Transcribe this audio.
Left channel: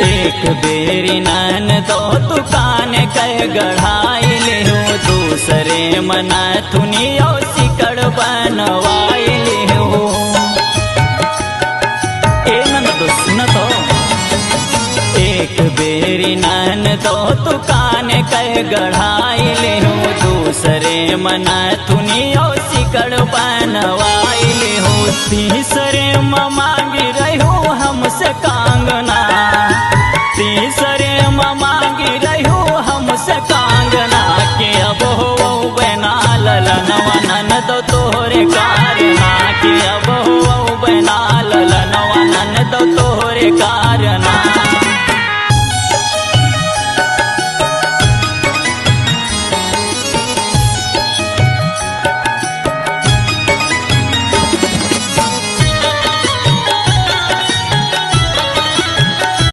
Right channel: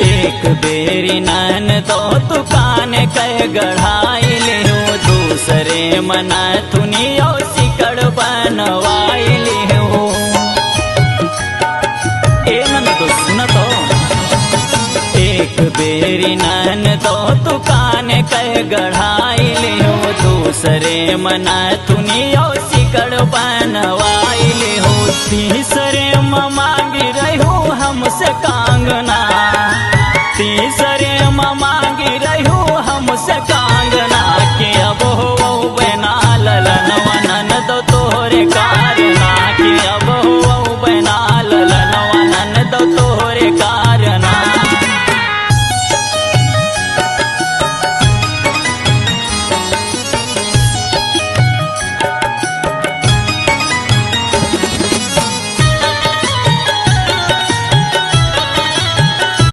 एक बेरी नन तो दुकान कह गढ़ाई लिहू दूसरे मना थुनियो सिकड़ बनवाई लिहू। ए नन तो सुन तो एक बेरी नन तो दुकान कह गढ़ाई लिहू दूसरे मना थुनियो सिकड़ बनवाई लिहू। तीसरे मांगी रहू हमसे कांगना तीसरे मांगी रहू हमसे कांगना के अब हो बना ललनवा नन दो तोहरे कारना के अब हो बना ललनवा नन दो तोहरे कारना।